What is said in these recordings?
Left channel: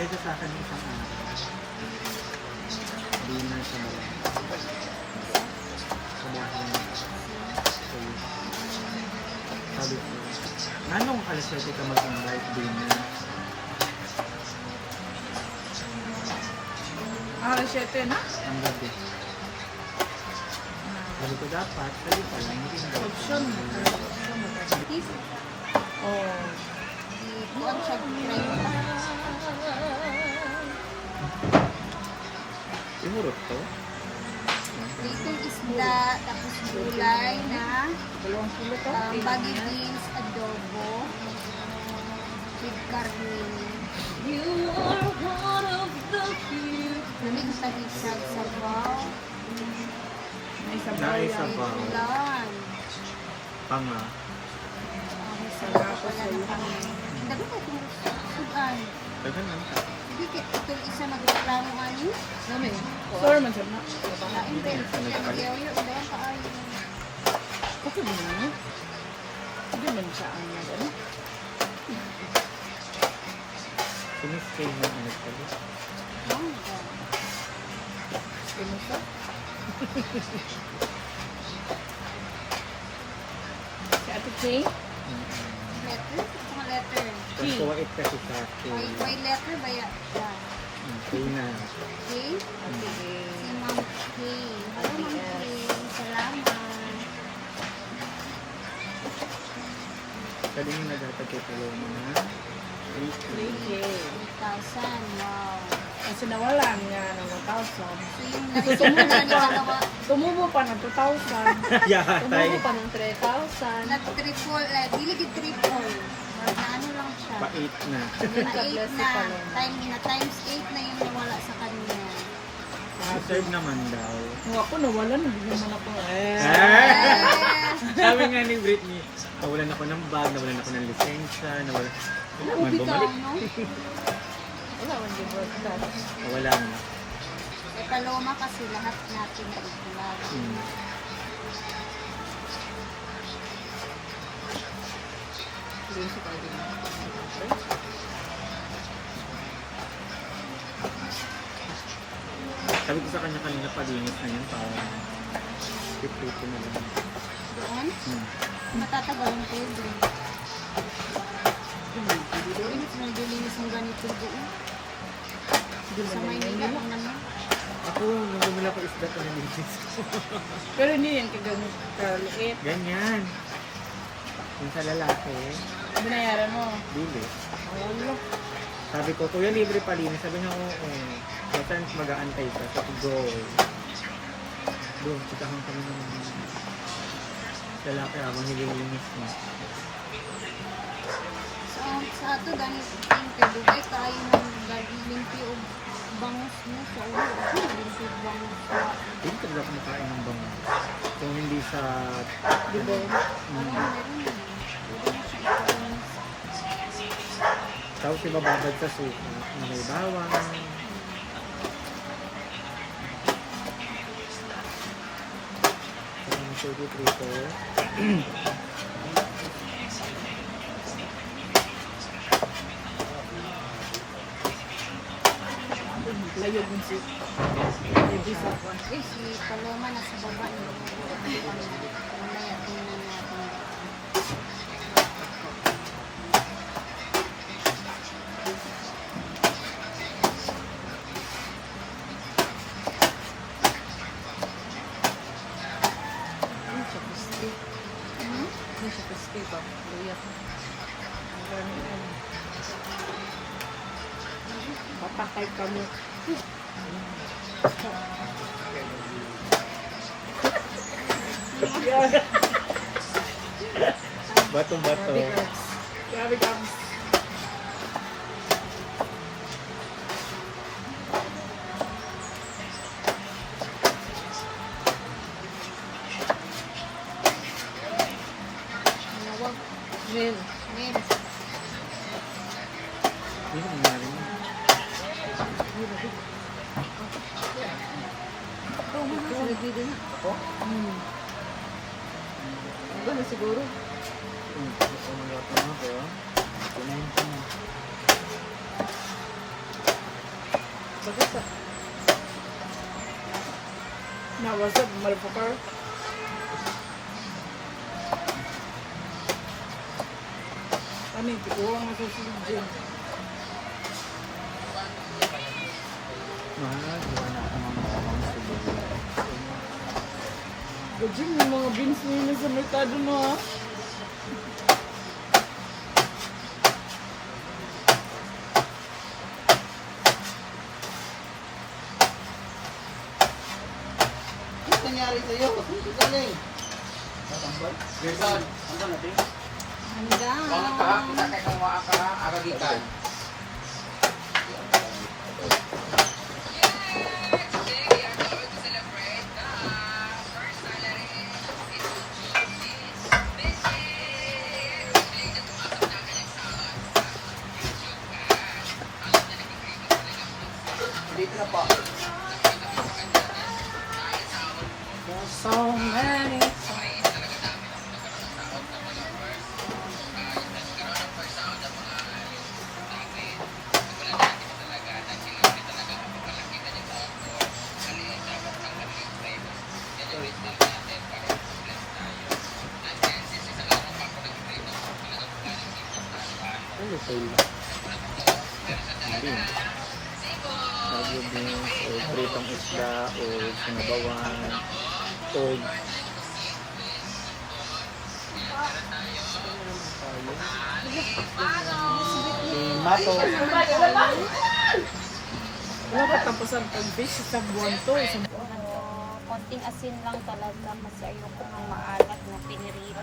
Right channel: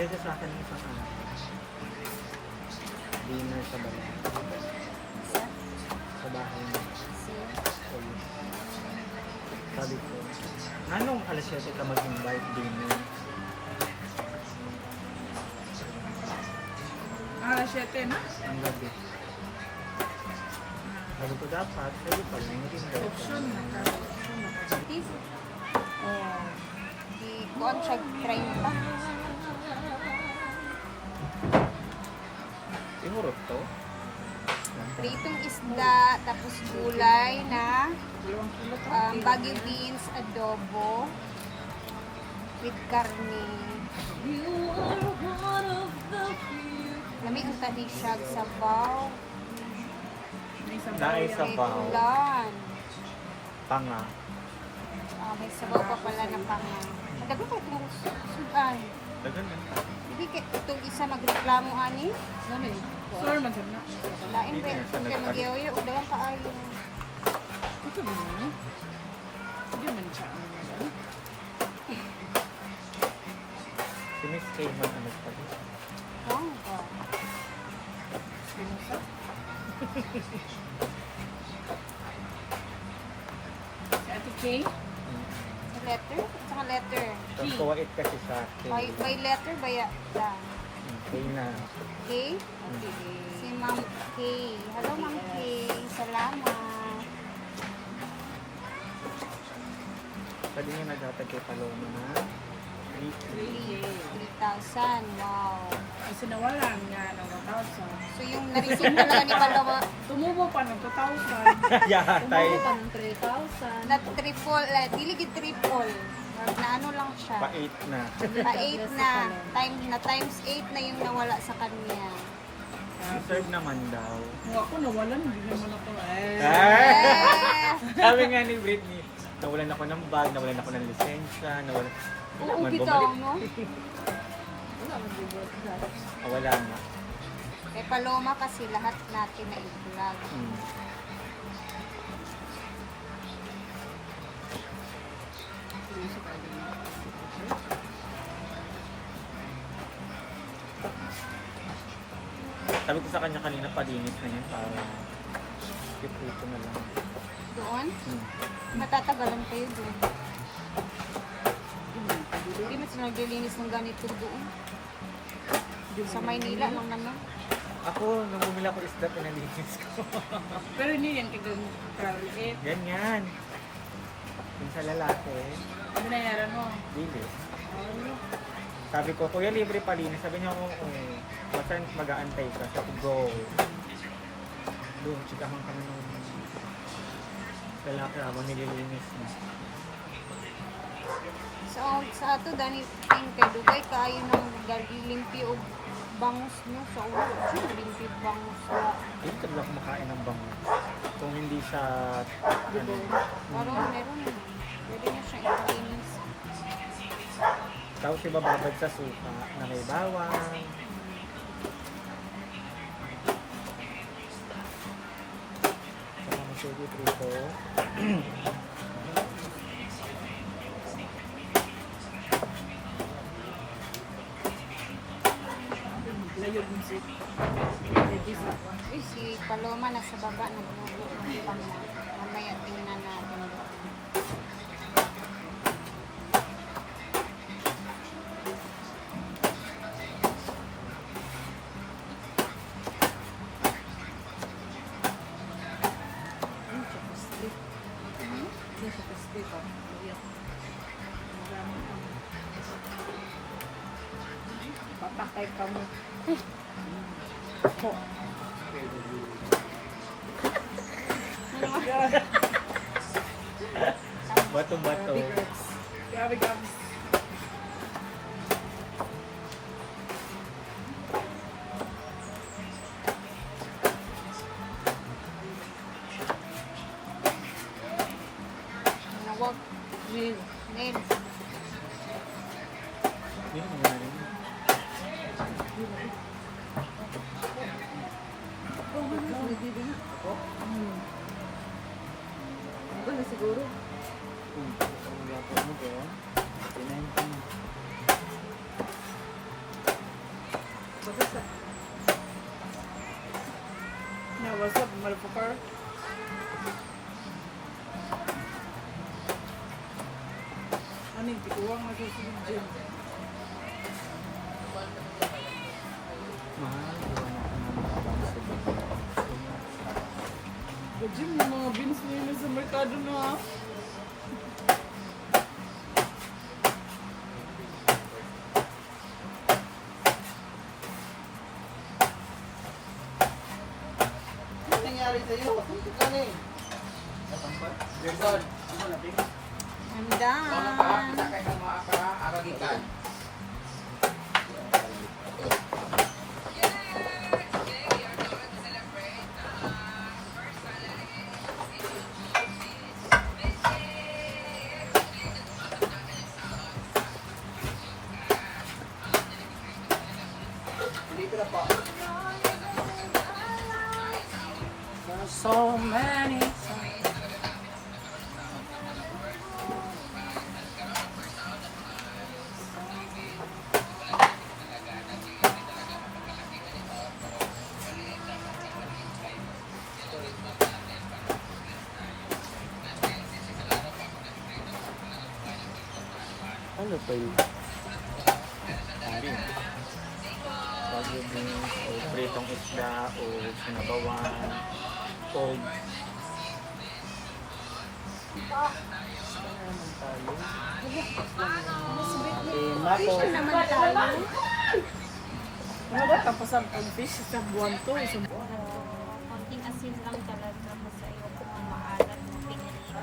Bigay siya sa akin ng isang araw. Dinner sa balat. Sa bahay niya. So, sabi ko, anong alas 7 ka mag-invite dinner? Alas 7 na? Ang gabi. Sabi ko dapat, sabi pa lang, mag-invite Option ka. na. Oh. Buwan siya try na. Imurot to? Ditong isda, tapos gulay na 2 kilo to? baggy beans, adobo, with karne. Lamig ko tabi sa sabaw. May sabaw Naay yan. sabaw. Ulan. Panga. May sabaw pa pala ng pangay. Dago ka itong sudan. Dagan lang ka. Hindi ka ito isa nagreklamo ani. Namin. Sure man siya na. Lain Hindi din. na siya nagpalit. Nagyayo, dagan pa ay. Okay ba na? Hindi man siya ang nag-ano. Si Miss Kay man ang nagpalit. Pinusa? Si Ate Kay? Letter? Saka letter. Kung kuwait kasi sa Kay. By letter ba yan? Kay na. Okay? Si Ma'am K. Hello, Ma'am K. Salamat. Sabi nga naghatag kay Paloma na. Weekly. Okay. 3,000. Wow. Kasi nawalan nga ng 1,000. So yung narisumod na ni Walawa Tumubo pa ng 2,000. Yahatay. Tumubo pa ng 3,000. na triple, diligid triple. Na ano lang siya. Pa-8 na. Na 8 na. Times 8 na yung nawala sa kanya. Deserve naman daw. Kung ako nawalan, hindi naman ako. Sabi nga ni Britney, nawalan ako ng bag, nawalan ako ng lisensya, nawalan. Wala man, Bitaw, bumalik. no? Wala man din wala. Wala na. Kay Paloma kasi lahat natin na igual. Hindi siya tayo din. Sabi ko sa kanya kanina, palinis na yan para piprito na lang. Doon, Hmm. matatagalan kayo doon. Init na naglilinis mo ganito doon. Sa Maynila lang naman. Ako, nung bumila ko isda, pinalinis ko. Pero hindi yan kagamit liit. Ganyan. Yung sa lalaki, Binayaran mo. dili. Wala. Sabi ko, kuya, libre palinis. Sabi niya, oo. Basta mag-aantay ka. Sabi ko, go. Doon, chikahan kami ng lalaki habang nililinis niya. Sa ato, ganit yung kadugay, kaya ng limpyo o bangus mo sa ulo. Ano limpyo bangus mo? Hindi talaga kumakain ng bango. Kung hindi sa... Diba? Parang meron eh. Pwede mo siya ipalinis. Tapos ibababad sa suka na may bawang. Saka may chili prito. Layog mo si. Eh, si Paloma nasa baba niya. Mamaya tingnan natin. Ano siya crispy? Ano siya crispy pa? Kuya. Marami ito. Papatay ka mo. Bato-bato. Grabe ka. Nawag. Men. Men. Yun ang nangyari mo. Ako? Ano na siguro? Gusto mo gato mo, pero kumain ka na. Basa-basa. Na, what's up, motherfucker? Ano yung tukuwang nagsusunod dyan? Mahal, gawa na ako ng bawang sibuyas. Gajin, yung mga beans nila sa merkado na ha. Ano nangyari sa'yo? Ano ka galing? Rebon. Ano natin? Handaan. Kaya ng mga ka arabikan. Dito na po. So many. Ano tayo? Hindi. Bagyo beans, o pritong isda, o sinabawan, o mato. Ano ba tapasan pag fish sa buwan to? Konting asin lang talaga kasi ayoko ng maalat na pinirito.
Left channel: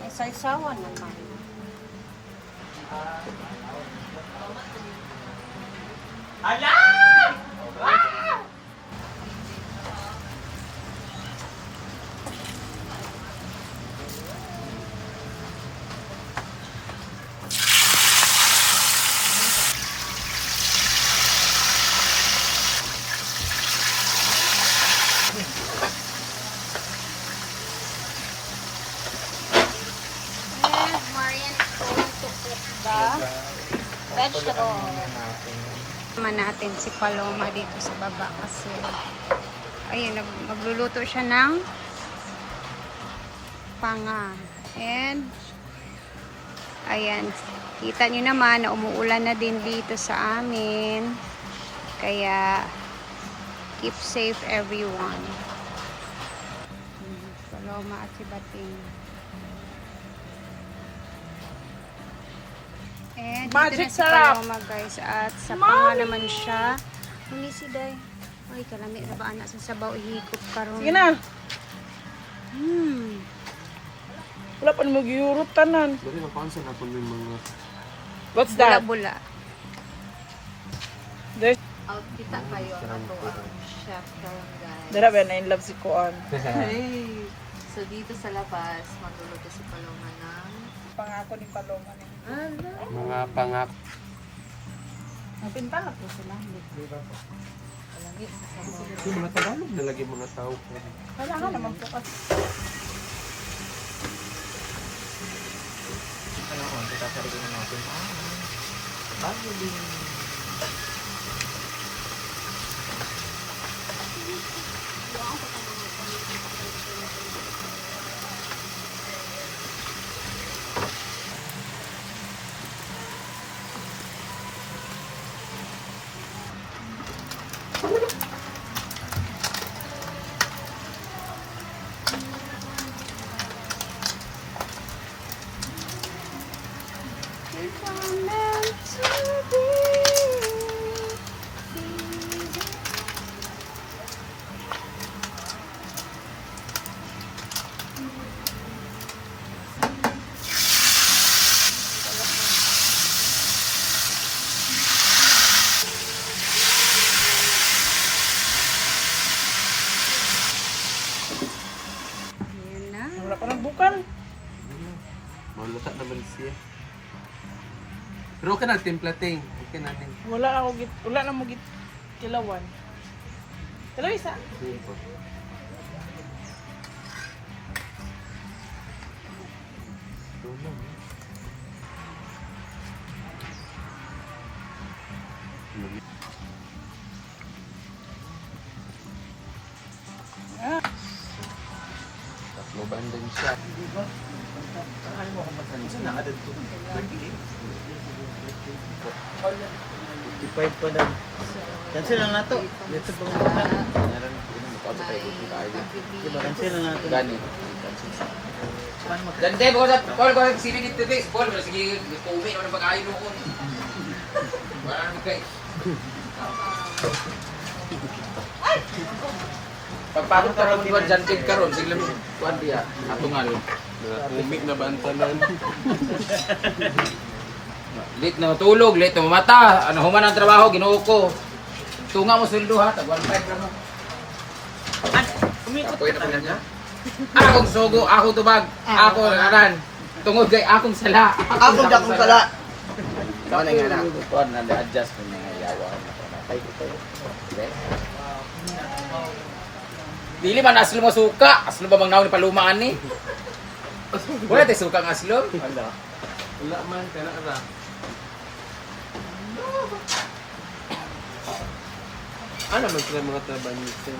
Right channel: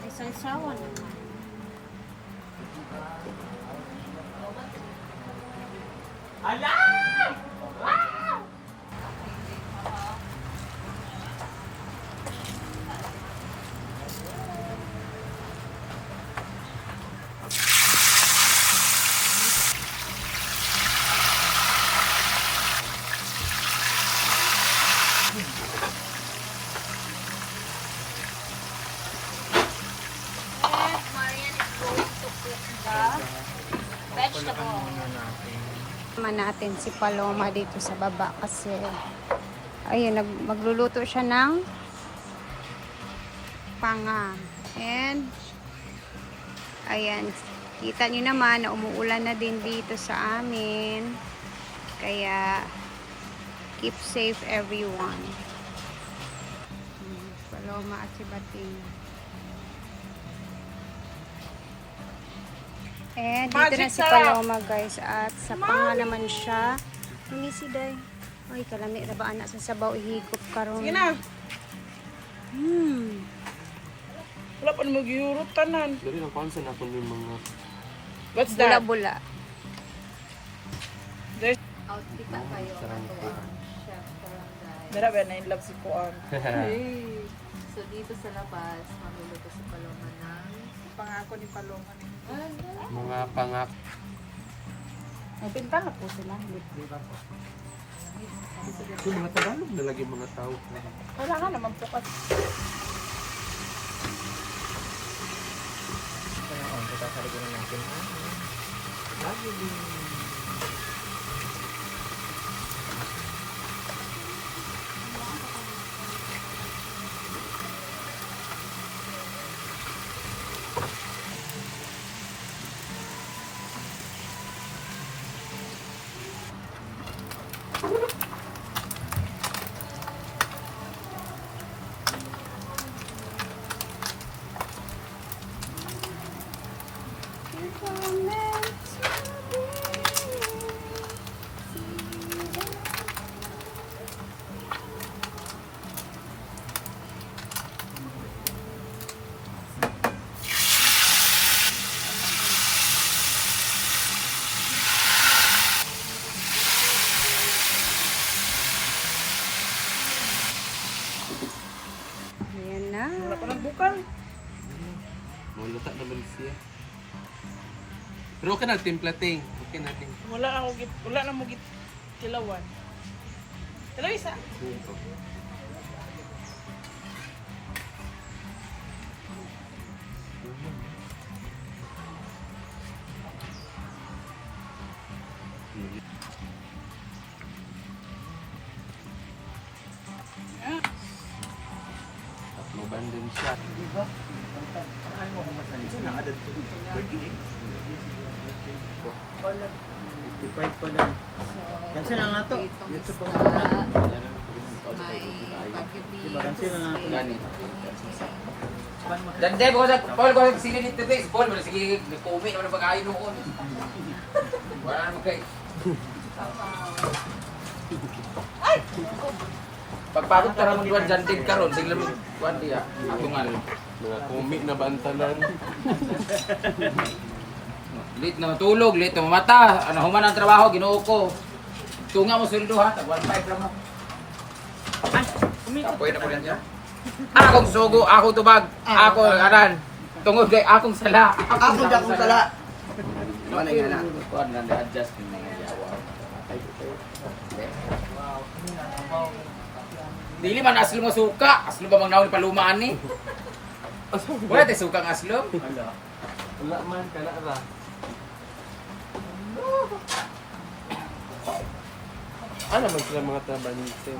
Ay, salsawa naman. Yes, Marian is going to cook the vegetable. Naman natin si Paloma dito sa baba kasi ayun, magluluto siya ng panga. And ayan, kita nyo naman na umuulan na din dito sa amin. Kaya keep safe everyone. Paloma at si Bating. Eh, dito na si Paloma guys. At sa panga naman siya. Hindi si Day. Ay, kalami na ba anak sa sabaw ihigop karon. Sige na. Hmm. Wala pa naman mag-Europe tanan. Dari lang pansin ako yung mga... What's that? Bula-bula. There's... Kita kayo Sarang ako po. ang chef karon guys. Dara ba na in love si Kuan? So dito sa labas, magluluto si Paloma ng Pangako ni Paloma ni. Mga pangak. Napinta na po sila. Yung mga Tagalog na lagi mga tao. Wala ka naman po kasi. Ano, tatari ko na natin. Bagyo beans. Ayan na. Wala ka ng bukan. Malata naman siya. Pero okay na, timplating. Okay na din. Wala na mo git kilawan. Kilaw isa. Dito. Abandon siya. Di ba? Parang mo akong masanin. Saan nakadad ko? 38. 55 pa lang. Cancel na nato. Dito po. Diba, cancel na nato. Ganit. Saan mo? Dan deh, bukan Paul kalau sini kita deh, Paul boleh segi COVID boleh pakai air dulu. Wala nang kay. Pagpasok ka ron duwan dyan kid karon sing lamig kuan dia atungal. Umik na bantanan. Late na matulog, late na mamata. Ano human ang trabaho Ginoo ko. Tunga mo sweldo ha, tag 1.5 ra mo. Umikot Pwede ka pa talaga? Akong sugo, akong tubag, akong anan. Tungod kay akong sala. Akong jakong sala. Ano nga na? Kuan na adjust ko mga yawa. Dili man aslo mo suka, aslo ba bang naon ni palumaan ni? Wala tay suka ng aslo. Wala. Wala man, kaya na. Ano ba sila mga trabanito?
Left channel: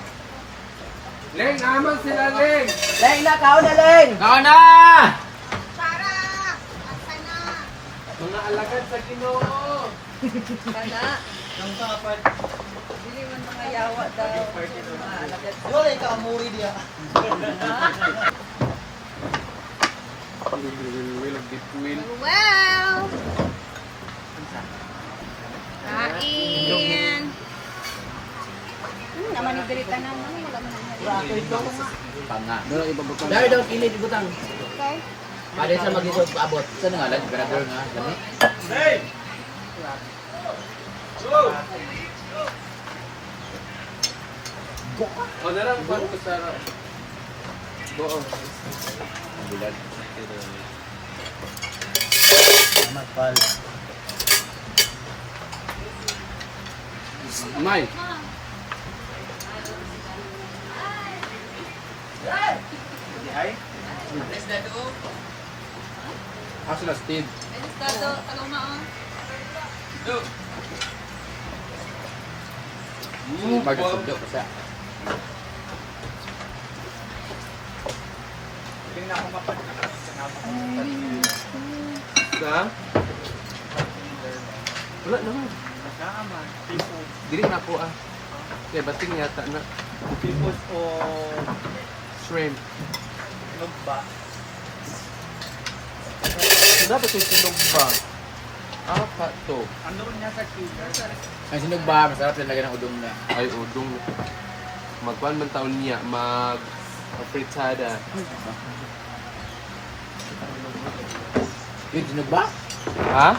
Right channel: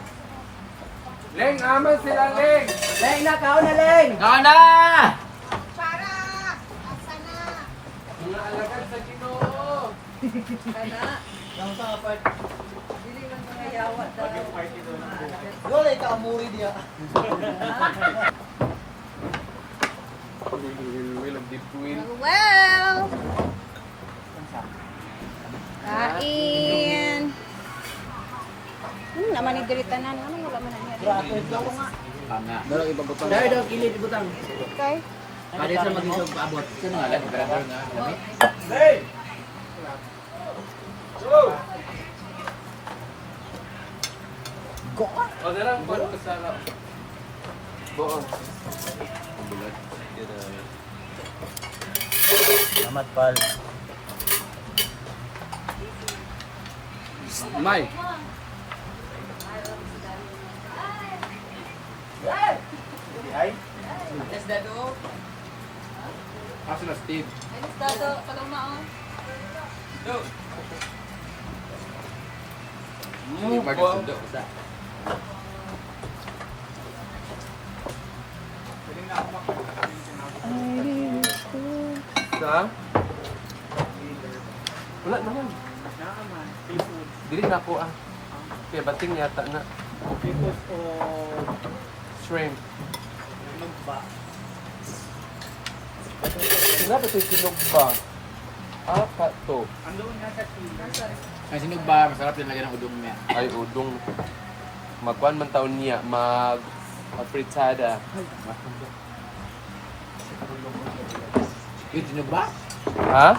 Leng, amo sila Leng. Leng na, kao na, Leng! Kaon na! Mga alagad sa Ginoo. Kada. Dili man mga yawat daw. Mga alagad. Wala ka umuwi diya. Nag-dipwin. Well! Kain! Naman yung diritanan mo, wala mo nang Panga. Dalo ibabutang. Dari daw kilid ibutang. Okay. Ada sa mag-isog paabot. Saan nga lang, grador nga. Lami. O, narang kuan ko sa buong. Ang bulag. Salamat, pal. May. Ako sila Steve. Bagay sundo ko sa. Sa? Wala naman. Dili na po ah. Yeah, bating yata na. Tipos o Shrimp. lugba. Wala ba ito sinog ba? Apat to. Ano niya sa chiller? Ang sinog ba, masarap yung lagyan ng udong niya. Ay, udong. Magpan man taon niya, mag-fritada. Yun, sinog ba? Ha?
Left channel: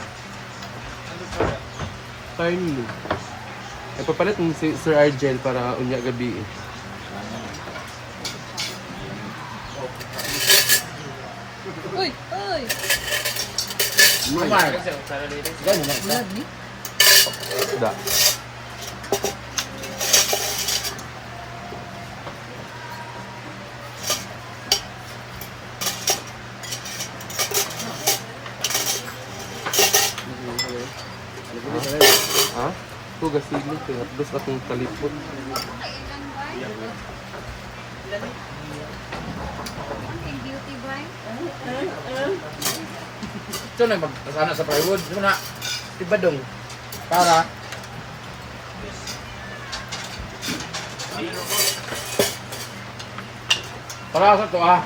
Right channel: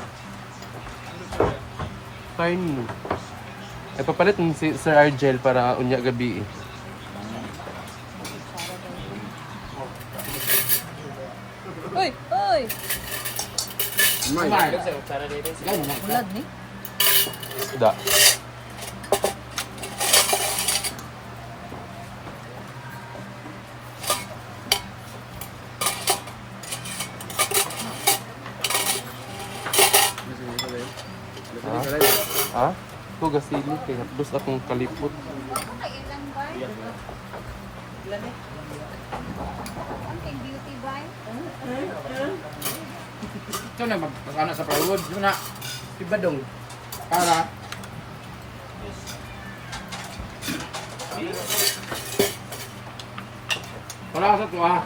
Time mo. Nagpapalit mo si Sir Argel para unya gabi eh. Uy! Uy! Umay. Sige mo mga isa. Bulag ni. Da. Ha? Hugas silit eh. Gusto akong kalipot. Beauty buy. Ito na, mag-ano sa plywood. Ito na. Tibadong. Para. Para sa ito ah.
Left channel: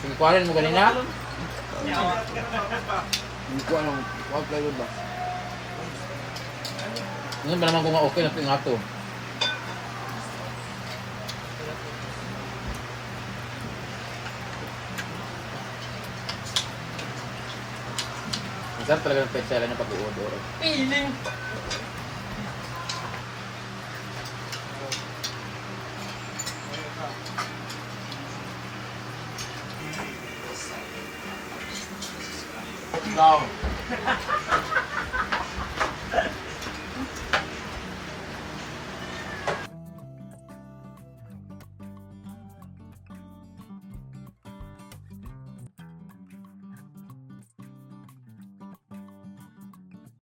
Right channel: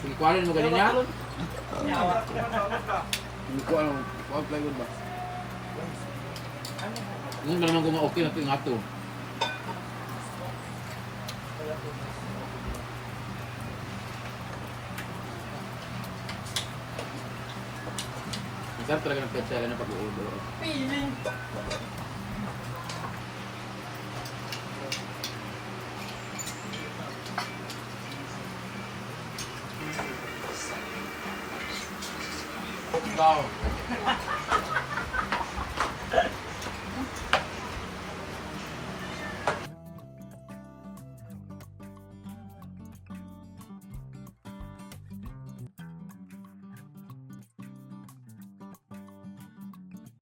Sige, kuhanin mo kanina. Hindi ko alam. Kuha plywood ba? Ngayon ba naman kung okay na ito yung ato? Ang sarap talaga ng petsela na pag-uodor. Feeling!